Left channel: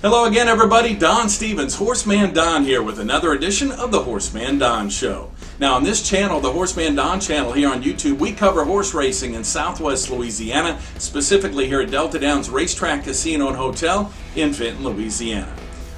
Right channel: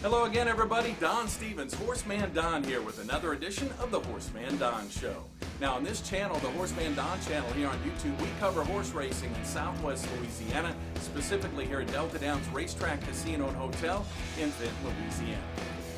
Hello again, everybody. Don Stevens, HorseManDon here with another edition of the HorseManDon Show. Now, on this channel, the HorseManDon channel here on YouTube, we cover horse racing in Southwest Louisiana, specifically here at Delta Downs Racetrack, Casino, and Hotel in Fenton, Louisiana.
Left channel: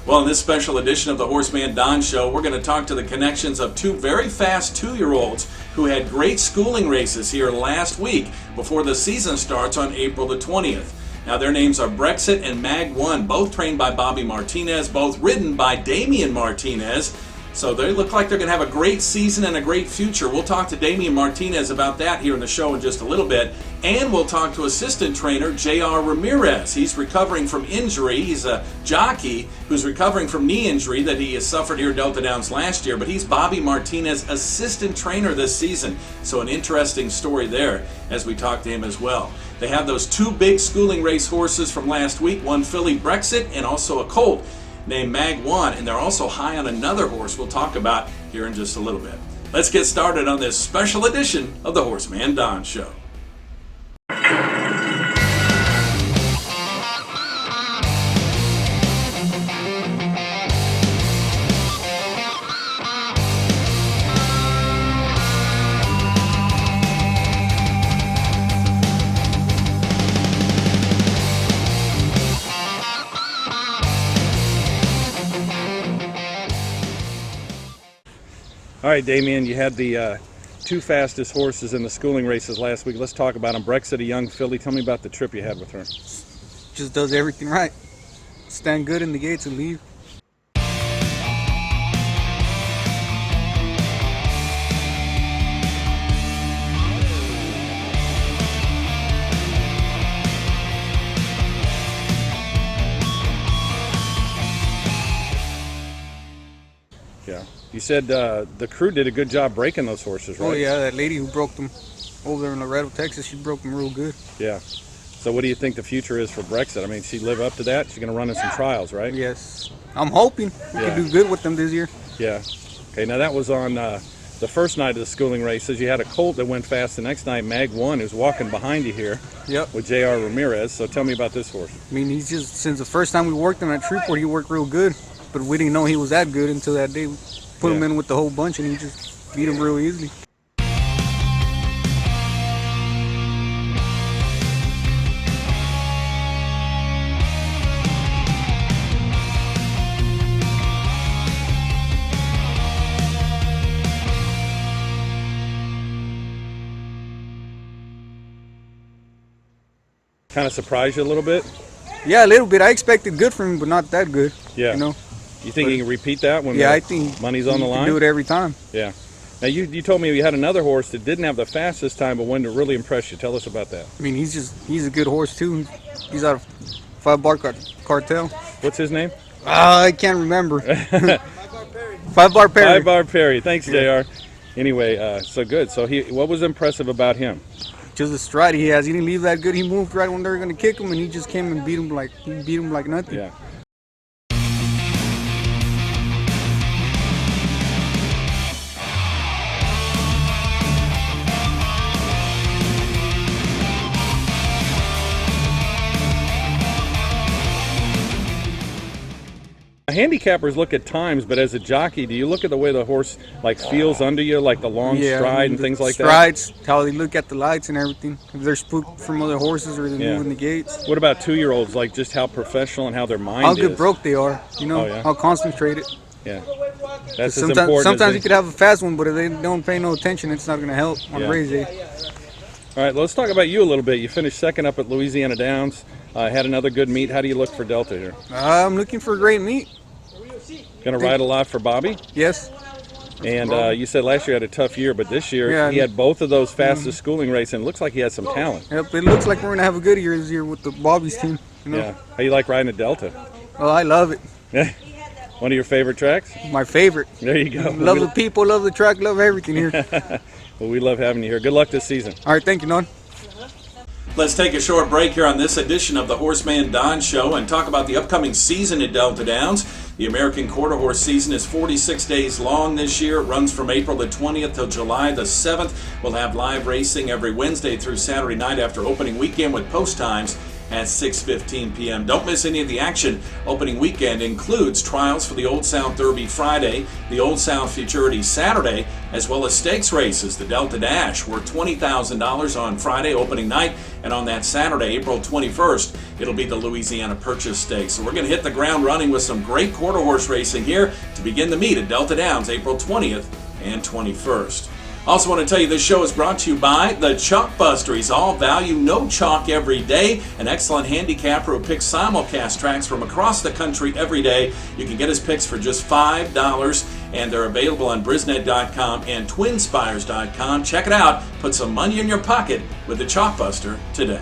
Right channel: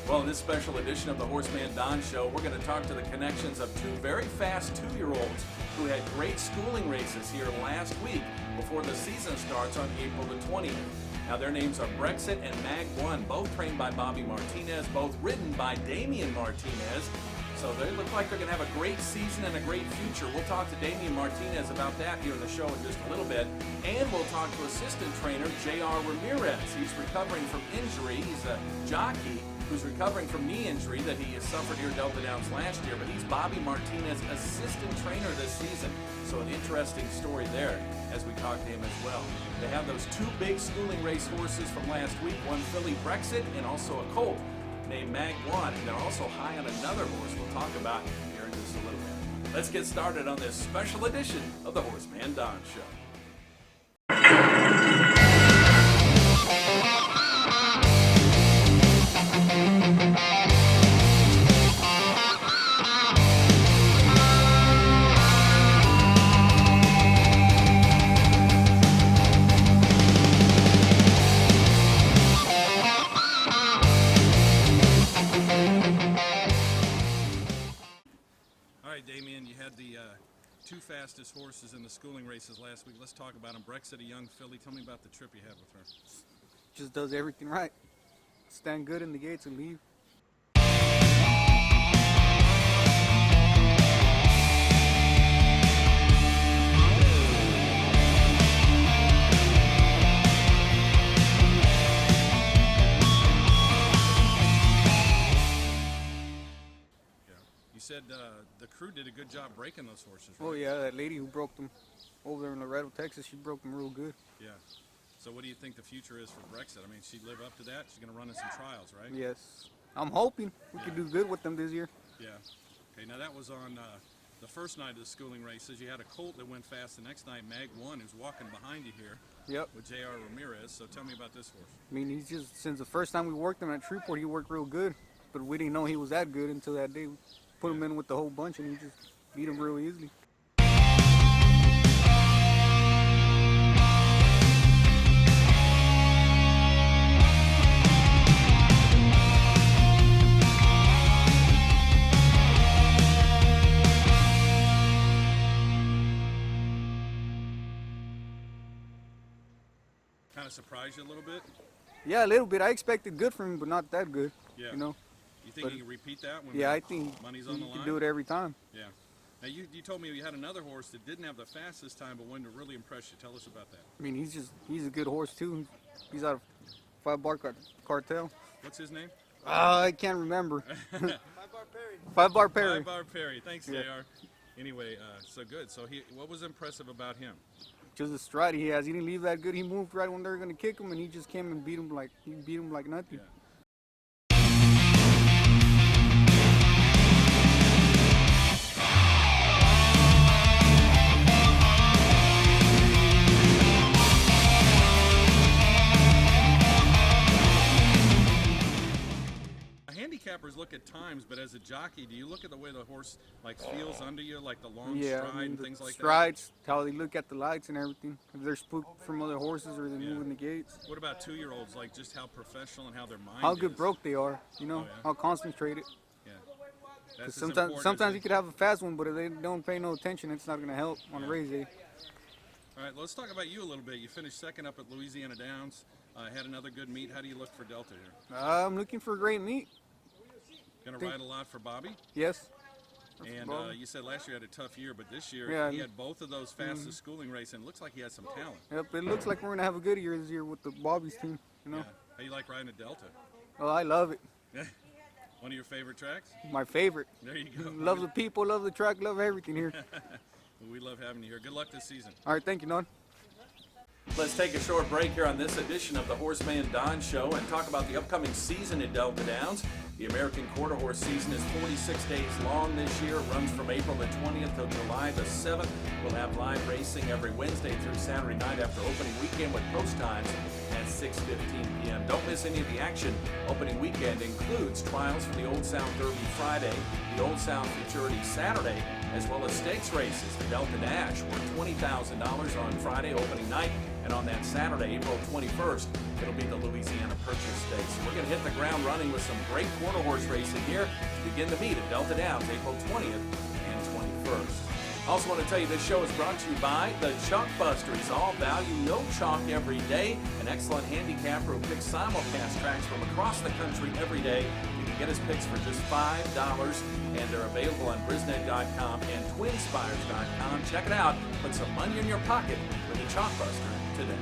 Well, in this special edition of the HorseManDon Show, we're going to talk to the connections of two very fast two-year-olds who had great schooling races here last week before the season starts on April the 20th. Now, their names are Brexit and Mag, both trained by Bobby Martinez, both ridden by Damian Martinez. So they look like they're going to have a great season and a great future. We'll talk to Damian Martinez about that here in the show in just a little bit. And we'll talk to assistant trainer J.R. Ramirez. He's recovering from injury. He's a jockey who's recovering from knee injury that he has suffered here at Delta Downs last year. But he's Bobby Martinez's assistant trainer this season. So an interesting story there as we talk to him as well. They have those two big schooling race horses from last week, one filly Brexit and also a colt named Mag, and they're also high on another horse we'll talk about here in just a little bit. Let's get started on this special edition of the HorseManDon Show. All right, Damian, you had the two fastest horses in the schooling races last week. Let's talk about them. Brexit, a young filly. Tell me about the trip you had with her. Just does everything right. Stand good in the gates and leave. Yeah. You said the crew did a good job breaking those horses, right? Oh yeah, that lady who broke them over there in Laredo, Texas, she broke them real good. Yeah. So what do you think the future is for Brexit? I mean, she live up to that? She's going to run in some trials, right? Yes. I'm hoping we can do good with them this year. Yeah. Okay, now that was on the first night of the schooling races. You had a colt that went fast the next night, Mag, who's walking behind you here. Yep. With J.R. Ramirez. So tell me about this horse. I mean, he's just, since the first time we worked him at Shreveport, he worked real good. But we didn't know he was that good until that day. We put him in with the whole bunch and he just beat him real easily. Kind of surprised you a little bit? Yeah, a little bit. I expected good from him, but not that good. Yeah. You know? You think he can repeat that when I think money's on the line? Do it every time. Yeah. Now you told me you had another horse that didn't have the fastest time, but one that really impressed you. Tell us about that. I mean, he's a good horse too. He's out of 5 Bar Cartel. What's his name? I can't remember. 5 Bar Perry. 5 Bar Perry. Thanks, JR. Anyway, so good. So what was impressive about him? Just the stride he has. He didn't leave that good. He moved right when they were going to kick him, and he just came and beat him like nothing. Yeah. Handicappers look at times, but as a jockey, do you look at the way the horse feels under you, like the long stride and things like that? Strides, how they look at the lights and everything. If they're spooked from other horses or they're moving the gates. What about two-year-olds? Like just how professional and how their mind how is. How good broke they are. You know, how concentrated. Yeah, that's as sometimes, important. Sometimes you could have a fast one, but if they don't pay no attention, it's not going to help on race day. All right, let's talk about you a little bit. You finished second up at Louisiana Downs. Had another good meet. How do you look for Delta here? I'm looking for a great meet. Going to ride a lot for Bobby? Yes. And you said last year had a tough year, but this year he had both of those fastest schooling races, and it looks like he has some talent. Yep, it looks like we're going to have a good year this year with the Bobby's team. You know? Yeah. How you like riding a Delta? Oh, I love it. Yeah. One of your favorite tracks? My favorite. There you go. Love the people, love the track, love everything here. Well, we love having you here. Good luck this season. All right, thank you, Don. Let's take a short break here on this edition of the HorseManDon Show and talk about the upcoming season at Delta Downs. The American Quarter Horse season is 46 days long this year. It runs from April the 20th till July the 7th. We'll have live racing every Wednesday through Saturday night after opening weekend with post times at 6:15 p.m. Don't miss any of the action. Opening weekend includes trials for the Old South Derby Friday, the Old South Futurity Saturday, as well as stakes races. The Delta Dash worth $20,000 on Friday opening night, and on that Saturday, April 21st, it'll be the Louisiana Purchase Stakes. So we're going to hit the ground running with some great quarter horse racing here to begin the meet at Delta Downs April 20th and 21st. Also want to tell you this show is brought to you by the Chalk Buster. He's all value, no chalk every day. An excellent handicapper who picks simulcast tracks from across the country every day. You can get his picks for just $5, and they're available on Brisnet.com and Twinspires.com. Check it out. Put some money in your pocket with the Chalk Buster today.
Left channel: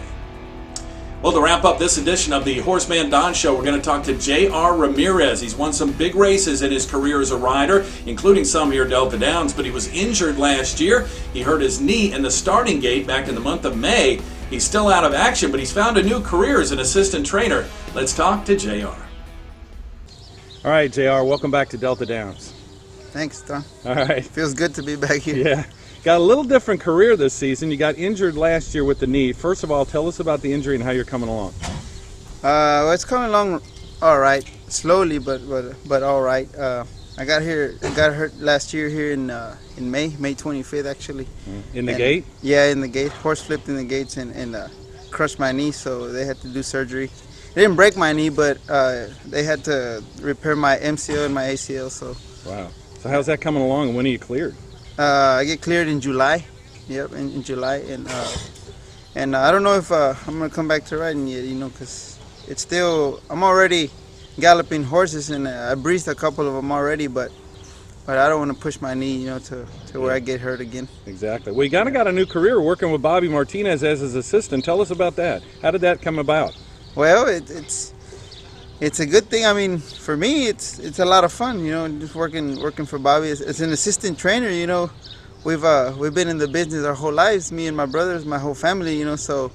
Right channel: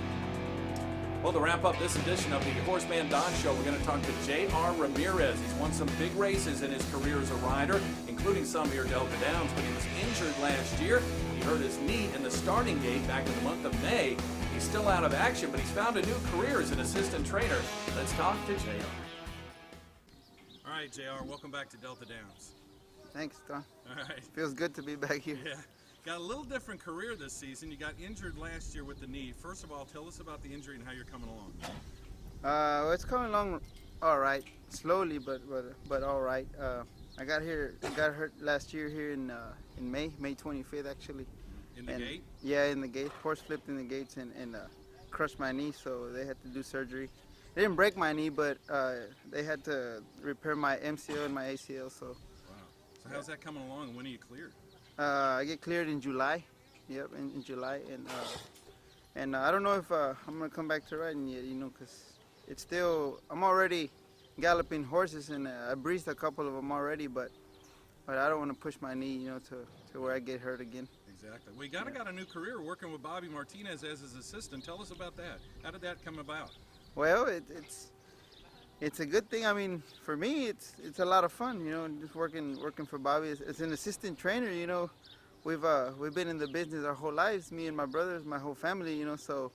Well, to wrap up this edition of the HorseManDon Show, we're going to talk to J.R. Ramirez. He's won some big races in his career as a rider, including some here at Delta Downs, but he was injured last year. He hurt his knee in the starting gate back in the month of May. He's still out of action, but he's found a new career as an assistant trainer. Let's talk to J.R. All right, JR, welcome back to Delta Downs. Thanks, Don. All right. Feels good to be back here. Yeah. Got a little different career this season. You got injured last year with the knee. First of all, tell us about the injury and how you're coming along. Well, it's coming along all right, slowly, but all right. I got hurt last year here in May 25th actually. In the gate? Yeah, in the gate. Horse flipped in the gates and crushed my knee, so they had to do surgery. They didn't break my knee, but they had to repair my MCL and my ACL. So. Wow. So how's that coming along, and when are you cleared? I get cleared in July. Yep, in July, and I don't know if I'm gonna come back to riding yet, because it's still, I'm already galloping horses, and I breezed a couple of them already, but I don't want to push my knee, to where I get hurt again. Exactly. Well, you got a new career working with Bobby Martinez as his assistant. Tell us about that. How did that come about? Well, it's a good thing. I mean, for me, it's a lot of fun, just working for Bobby as an assistant trainer. We've been in the business our whole lives, me and my brothers, my whole family. So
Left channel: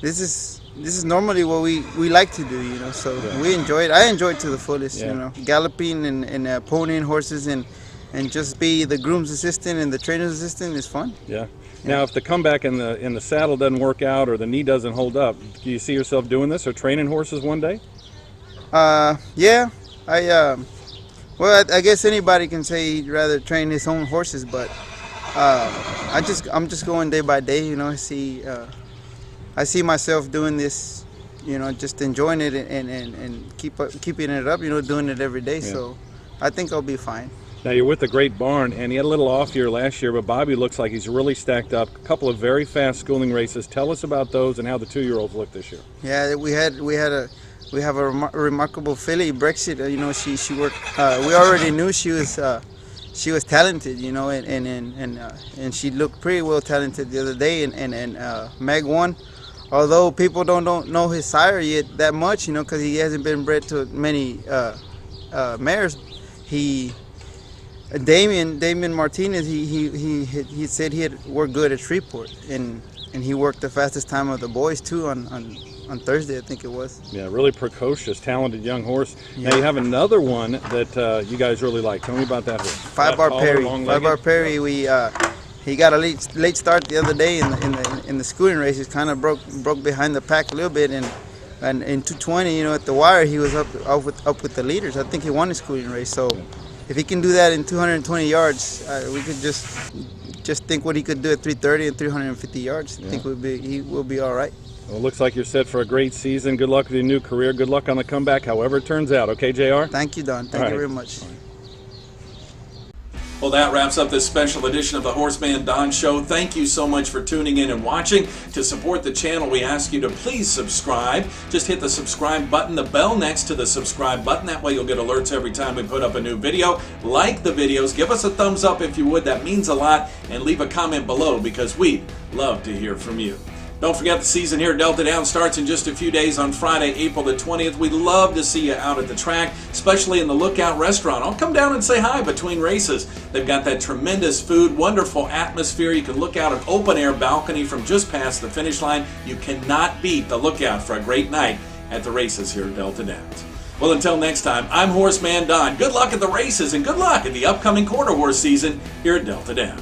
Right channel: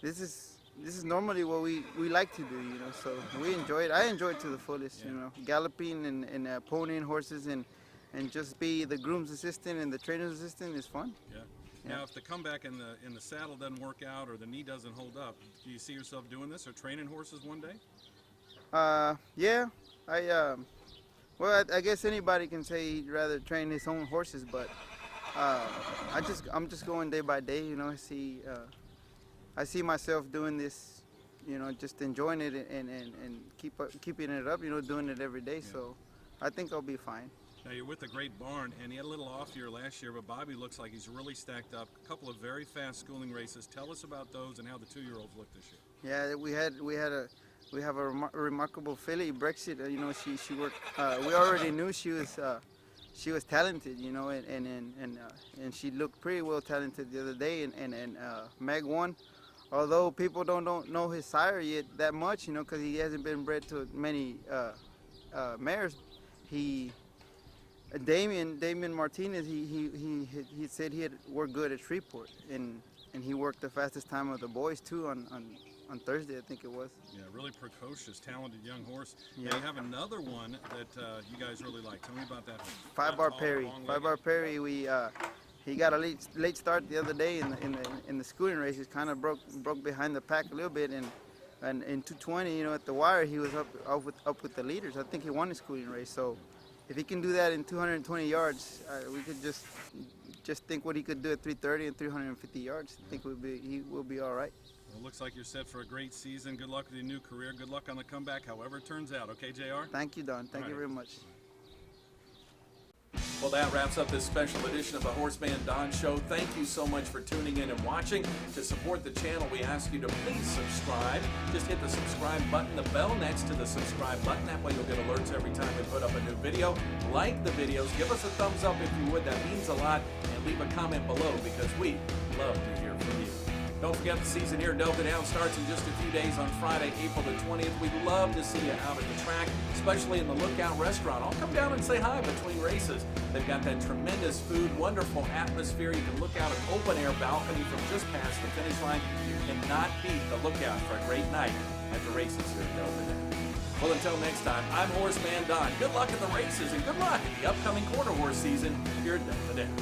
this is normally what we like to do. So yeah. We enjoy it. I enjoy it to the fullest. Yeah. Galloping and ponying horses and just be the groom's assistant and the trainer's assistant is fun. Yeah. Now, if the comeback in the saddle doesn't work out or the knee doesn't hold up, do you see yourself doing this or training horses one day? Yeah, well, I guess anybody can say he'd rather train his own horses, but I'm just going day by day. I see myself doing this, just enjoying it and keeping it up. Doing it every day. Yeah. So I think I'll be fine. Now, you're with the Great Barn, and he had a little off year last year, but Bobby looks like he's really stacked up. A couple of very fast schooling races. Tell us about those and how the 2-year-olds look this year. Yeah, we have a remarkable filly, Brexit. She worked. We already knew she was talented, and she looked pretty well talented the other day. And Mag won, although people don't know his sire yet that much, because he hasn't been bred to many mares. Damian Martinez, he said he had worked good at Shreveport, and he worked the fastest time of the boys too on Thursday, I think it was. Yeah, really precocious, talented young horse. Yeah. Now you have another one that you guys really like. Tell me about that horse. 5-Bar Perry. 5-Bar Perry. He got a late start the other day in the schooling race. He kind of broke behind the pack a little bit, and in 220, at the wire, he was up with the leaders. I think he won the schooling race. So if he can do that in 220 yards, we could just think what he could do at 330 and 350 yards. I think he will be all right. Well, it looks like you're set for a great season. Good luck with your new career. Good luck on the comeback, however it turns out. Okay, JR? Thank you, Don. Thank you very much. Well, that wraps up this special edition of the HorseManDon Show. Thank you so much for tuning in and watching. To support the channel, we ask you to please subscribe. Just hit the subscribe button, the bell next to the subscribe button. That way you'll get alerts every time we put up a new video. Like the videos. Give us a thumbs up if you would. That means a lot. And leave a comment below because we love to hear from you. Don't forget the season here at Delta Downs starts in just a few days on Friday, April the 20th. We'd love to see you out at the track, especially in the Lookout Restaurant. I'll come down and say hi between races. They've got that tremendous food, wonderful atmosphere. You can look out an open-air balcony from just past the finish line. You cannot beat the Lookout for a great night at the races here at Delta Downs. Well, until next time, I'm HorseManDon. Good luck at the races and good luck at the upcoming quarter horse season here at Delta Downs.